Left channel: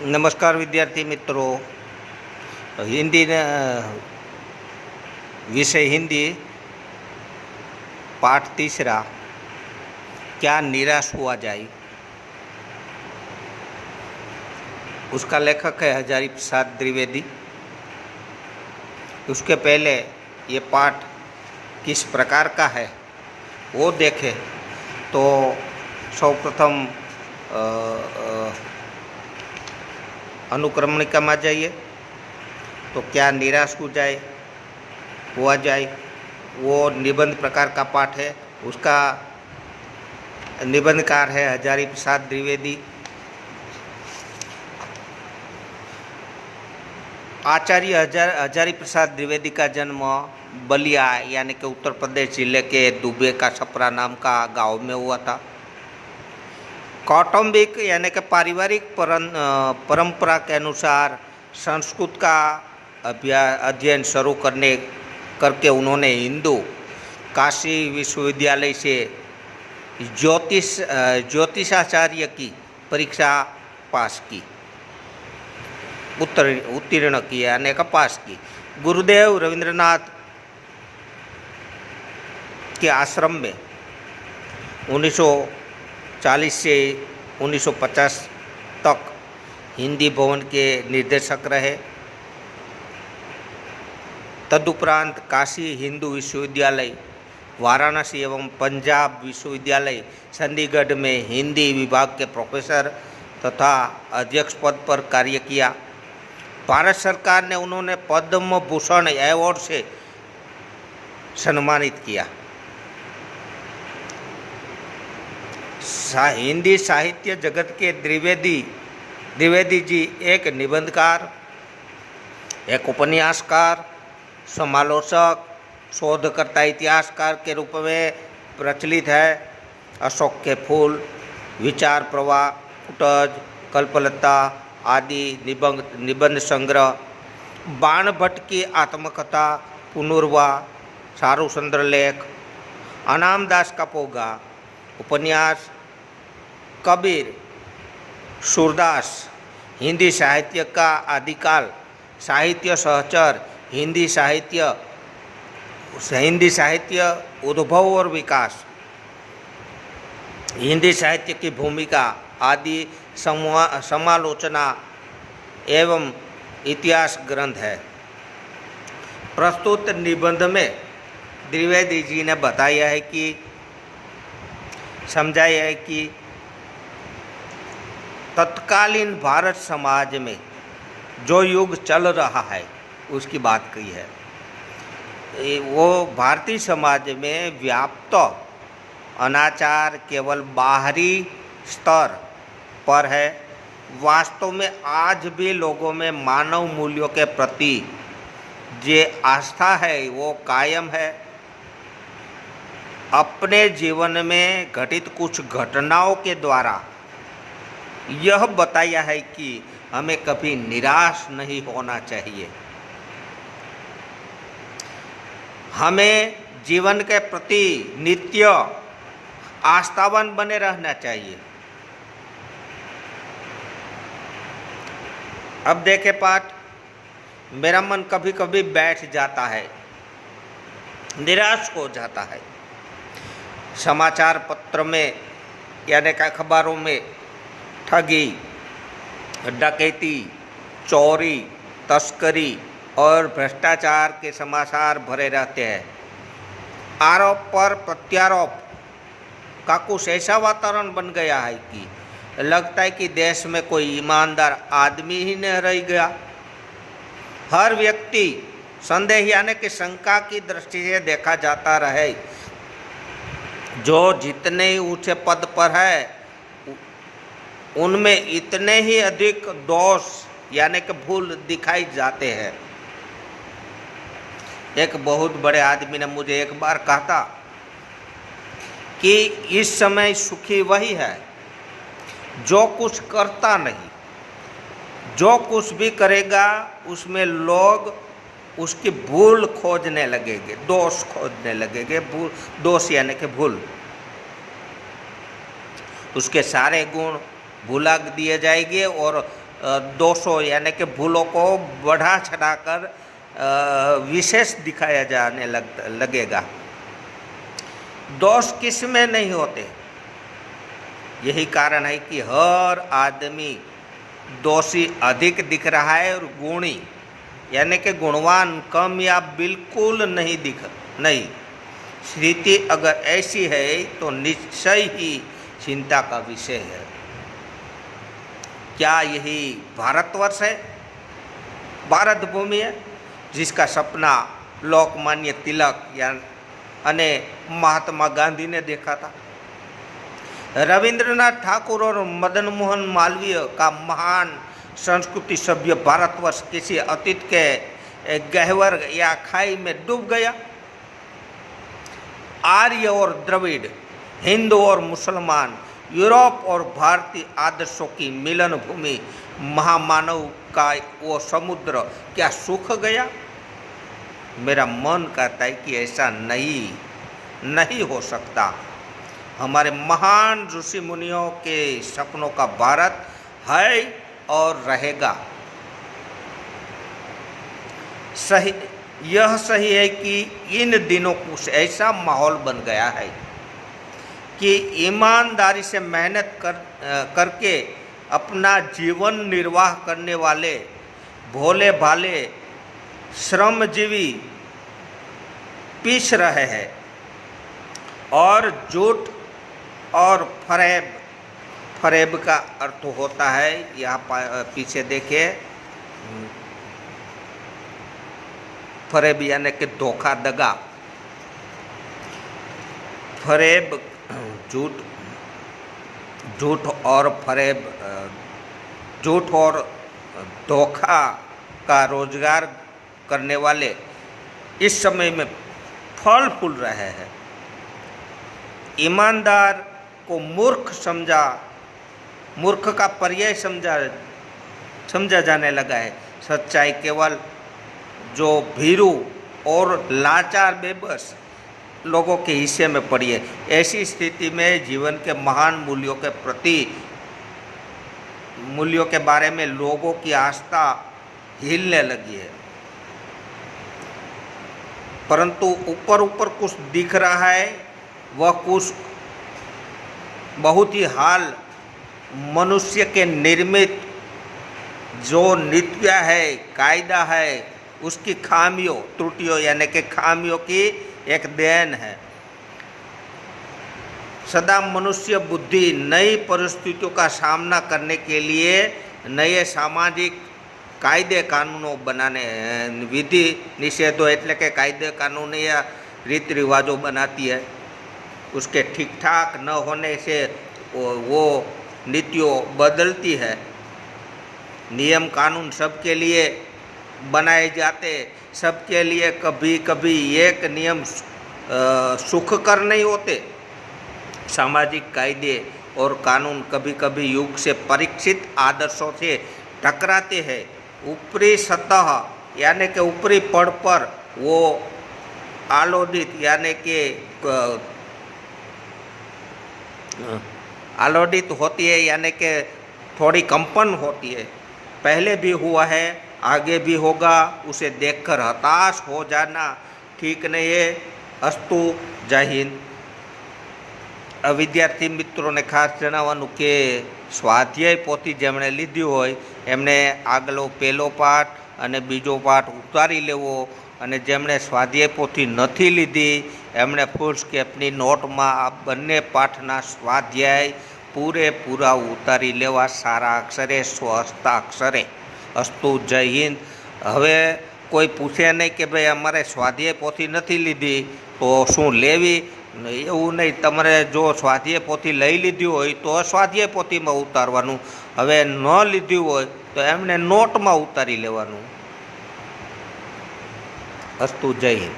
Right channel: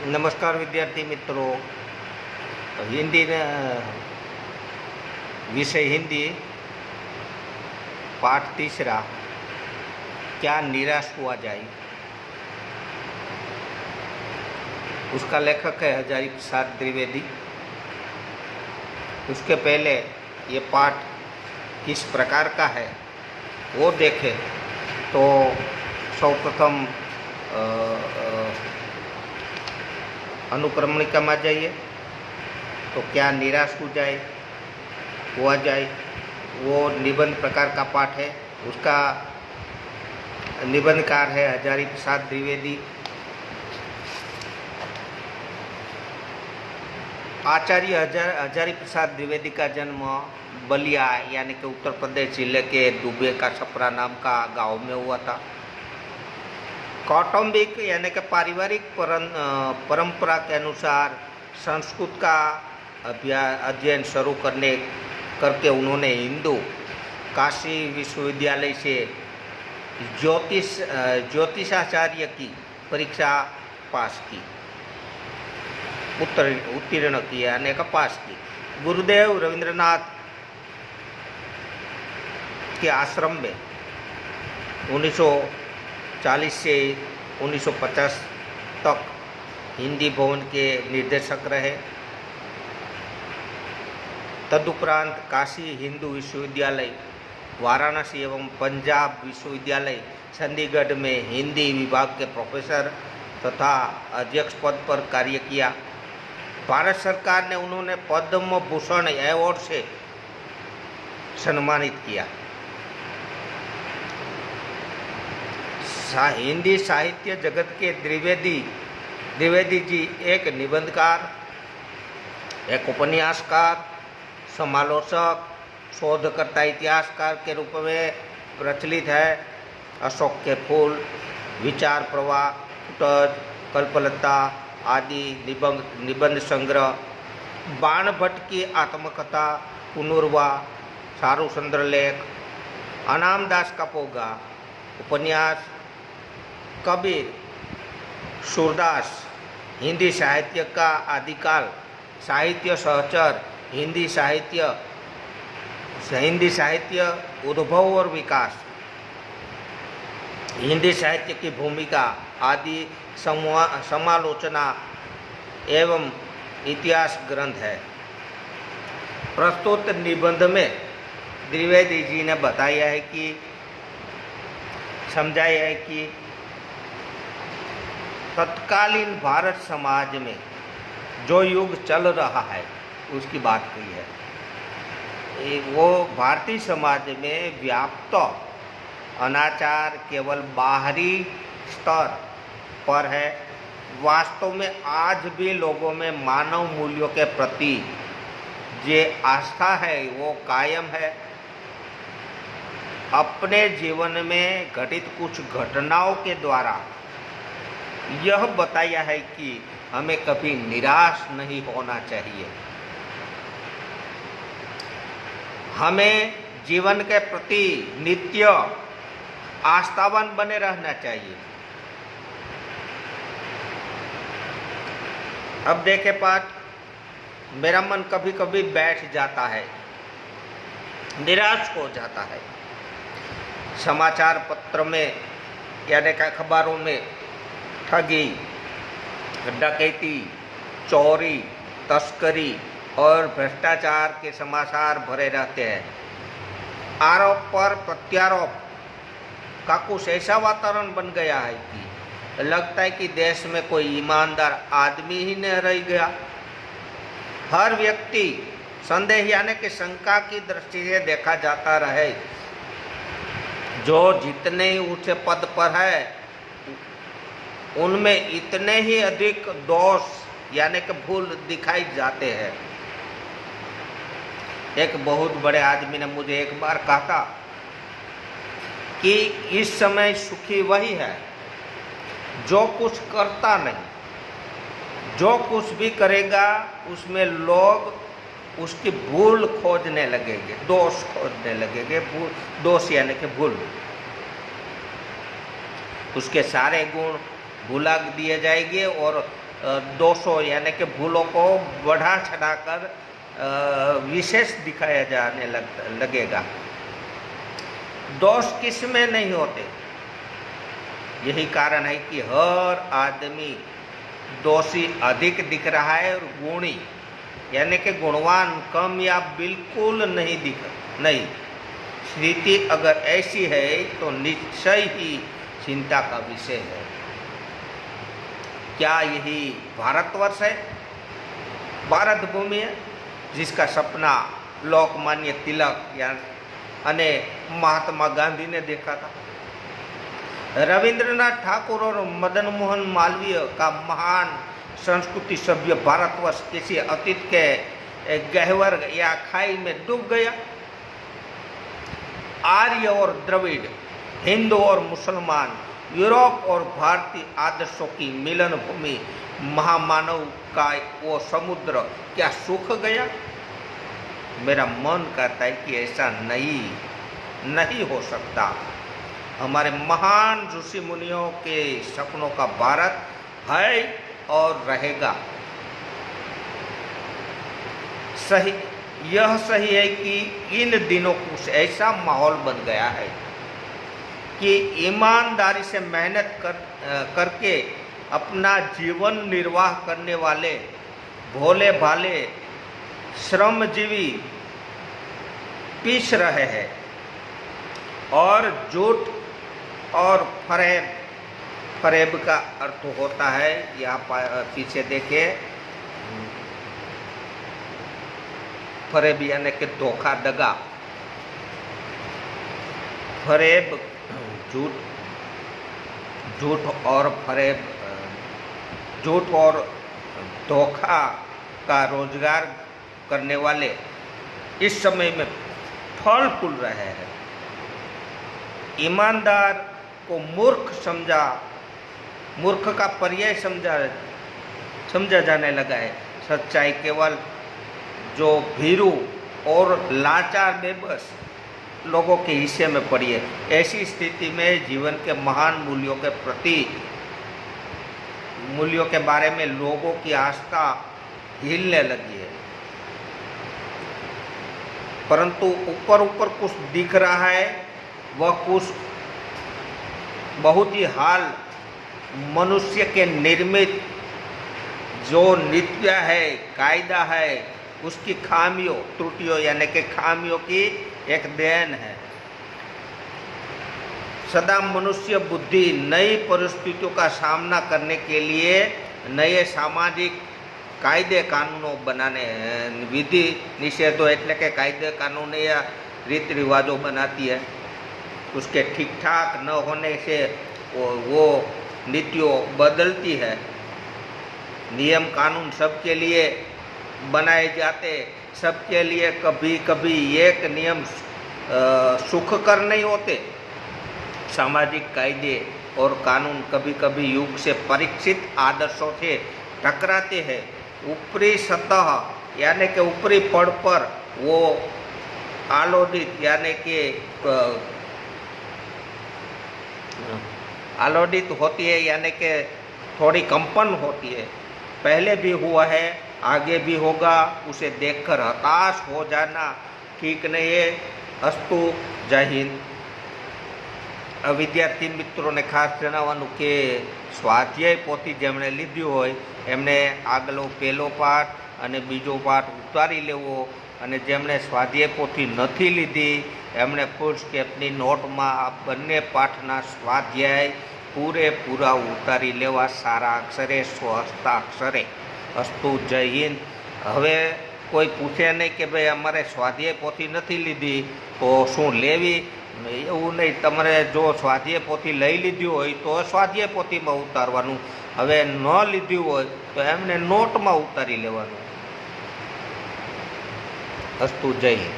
नमस्कार विद्यार्थी मित्रों। हिंदी विषय हिंदी पाठ तीसरा, क्या निराश हुआ जाए। उसका लेखक है हजारी प्रसाद द्विवेदी। उसके पहले ये पाठ किस प्रकार का है वो देखें तो सर्वप्रथम अनुक्रमणिका में जाइए तो क्या निराश हुआ जाए वो निबंध प्रकार का पाठ है। उसका निबंधकार है हजारी प्रसाद द्विवेदी। आचार्य हजारी प्रसाद द्विवेदी का जन्म बलिया यानी कि उत्तर प्रदेश जिले के दुबे का छपरा नाम का गांव में हुआ था। कौटुंबिक यानी कि पारिवारिक परंपरा के अनुसार संस्कृत का अध्ययन शुरू करके उन्होंने हिंदू काशी विश्वविद्यालय से ज्योतिषाचार्य की परीक्षा पास की, उत्तीर्ण किया यानी कि पास की। गुरुदेव रविंद्रनाथ के आश्रम में 1940 से 1950 तक हिंदी भवन के निर्देशक रहे। तदुपरांत काशी हिंदू विश्वविद्यालय, वाराणसी एवं पंजाब विश्वविद्यालय चंडीगढ़ में हिंदी विभाग के प्रोफेसर तथा अध्यक्ष पद पर कार्य किया। भारत सरकार ने उन्होंने पद्म भूषण अवार्ड से सम्मानित किया। हिंदी साहित्य जगत के द्विवेदी जी एक निबंधकार, एक उपन्यासकार, समालोचक, शोधकर्ता, इतिहासकार के रूप में प्रचलित है। अशोक के फूल, विचार प्रवाह, फुटज, कल्पलता आदि निबंध संग्रह, बाण भट्ट की आत्मकथा, पुनर्वा, चारु सुंदर लेख, अनामदास का पोगा, उपन्यास, कबीर, सूरदास, हिंदी साहित्य का आदिकाल, साहित्य सहचर, हिंदी साहित्य उद्भव और विकास, हिंदी साहित्य की भूमिका आदि समालोचना एवं इतिहास ग्रंथ है। प्रस्तुत निबंध में द्विवेदी जी ने समझाया है कि तत्कालीन भारत समाज में जो युग चल रहा है उसकी बात कही है। वो भारतीय समाज में व्याप्त अनाचार केवल बाहरी स्तर पर है। वास्तव में आज भी लोगों में मानव मूल्यों के प्रति जो आस्था है वो कायम है। अपने जीवन में घटित कुछ घटनाओं के द्वारा यह बताया है कि हमें कभी निराश नहीं होना चाहिए। हमें जीवन के प्रति नित्य आस्थावान बने रहना चाहिए। अब देखें पाठ। मेरा मन कभी कभी बैठ जाता है, निराश हो जाता है। समाचार पत्र में यानी कि अखबारों में ठगी, डकैती, चोरी, तस्करी और भ्रष्टाचार के समाचार भरे रहते हैं। आरोप पर प्रत्यारोप का कुछ ऐसा वातावरण बन गया है कि लगता है कि देश में कोई ईमानदार आदमी ही नहीं रह गया। हर व्यक्ति संदेह यानी कि शंका की दृष्टि से देखा जाता रहे। जो जितने ऊंचे पद पर है उनमें इतने ही अधिक दोष यानी कि भूल दिखाई जाते हैं। एक बहुत बड़े आदमी ने मुझे एक बार कहा था कि इस समय सुखी वही है जो कुछ करता नहीं। जो कुछ भी करेगा उसमें लोग उसकी भूल खोजने लगेंगे, दोष खोजने लगेंगे। दोष यानी कि भूल, उसके सारे गुण भुला दिए जाएंगे और दोषों यानी कि भूलों को बढ़ा चढ़ाकर विशेष दिखाया जाने लगेगा। दोष किस में नहीं होते? यही कारण है कि हर आदमी दोषी अधिक दिख रहा है और गुणी यानी कि गुणवान कम या बिल्कुल नहीं। स्थिति अगर ऐसी है तो निश्चय ही चिंता का विषय है। क्या यही भारतवर्ष है, भारत भूमि है, जिसका सपना लोकमान्य तिलक या अने महात्मा गांधी ने देखा था? रविंद्रनाथ ठाकुर और मदन मोहन मालवीय का महान संस्कृति सभ्य भारतवर्ष किसी अतीत के गहवर या खाई में डूब गया? आर्य और द्रविड़, हिंदू और मुसलमान, यूरोप और भारतीय आदर्शों की मिलन भूमि महामानव का वो समुद्र क्या सूख गया? मेरा मन कहता है कि ऐसा नहीं हो सकता। हमारे महान ऋषि मुनियों के सपनों का भारत है और रहेगा। यह सही है कि इन दिनों कुछ ऐसा माहौल बन गया है कि ईमानदारी से मेहनत करके अपना जीवन निर्वाह करने वाले भोले भाले श्रमजीवी पीस रहे हैं और झूठ और फरेब का अर्थ होता है, यहाँ पीछे देखिए, फरेब यानी कि धोखा दगा। फरेब झूठ और फरेब, झूठ और धोखा का रोजगार करने वाले इस समय में फल फूल रहे हैं। ईमानदार को मूर्ख का पर्याय समझा जाने लगा है। सच्चाई केवल जो भीरू और लाचार बेबस लोगों के हिस्से में पड़ी है। ऐसी स्थिति में जीवन के महान मूल्यों के बारे में लोगों की आस्था हिलने लगी है। परंतु ऊपर कुछ दिख रहा है, वह कुछ बहुत ही हाल मनुष्य के निर्मित जो नीतियाँ है, कायदा है, उसकी त्रुटियों यानी कि खामियों की एक देन है। सदा मनुष्य बुद्धि नई परिस्थितियों का सामना करने के लिए नए सामाजिक कायदे कानूनों बनाने, विधि निषेधों એટલે કે कायदे कानून या रीति रिवाजों बनाती है। उसके ठीक ठाक न होने से वो नीतियों बदलती है। नियम कानून सबके लिए बनाए जाते, सबके लिए कभी एक नियम सुखकर नहीं होते। सामाजिक कायदे और कानून कभी युग से परीक्षित आदर्शों से टकराते हैं। ऊपरी सतह यानी कि ऊपरी पड़ पर वो आलोडित यानी कि आलोडित होती है, यानी कि थोड़ी कंपन होती है। पहले भी हुआ है, आगे भी होगा। उसे देखकर हताश हो जाना ठीक नहीं है। अस्तु, जय हिंद। विद्यार्थी मित्रों ने खास जणावવાનું કે સ્વાધ્યાય પોથી જેમણે લીધી હોય એમણે આગલો પહેલો પાઠ અને બીજો પાઠ ઉતારી લેવો, અને જેમણે સ્વાધ્યાય પોથી નથી લીધી એમણે ફૂલસ્કેપની નોટમાં આ બંને પાઠના સ્વાધ્યાય પૂરેપૂરા ઉતારી લેવા સારા અક્ષરે, સ્વહસ્તાક્ષરે। અસ્તુ, જય હિન્દ। હવે કોઈ પૂછે નહીં કે ભાઈ અમારે સ્વાધ્યાય પોથી નથી લીધી તો શું લેવી, એવું નહીં। તમારે જો સ્વાધ્યાય પોથી લઈ લીધી હોય તો સ્વાધ્યાય પોથીમાં ઉતારવાનું, હવે ન લીધી હોય તો એમને નોટમાં ઉતારી લેવાનું। અસ્તુ, જય હિન્દ।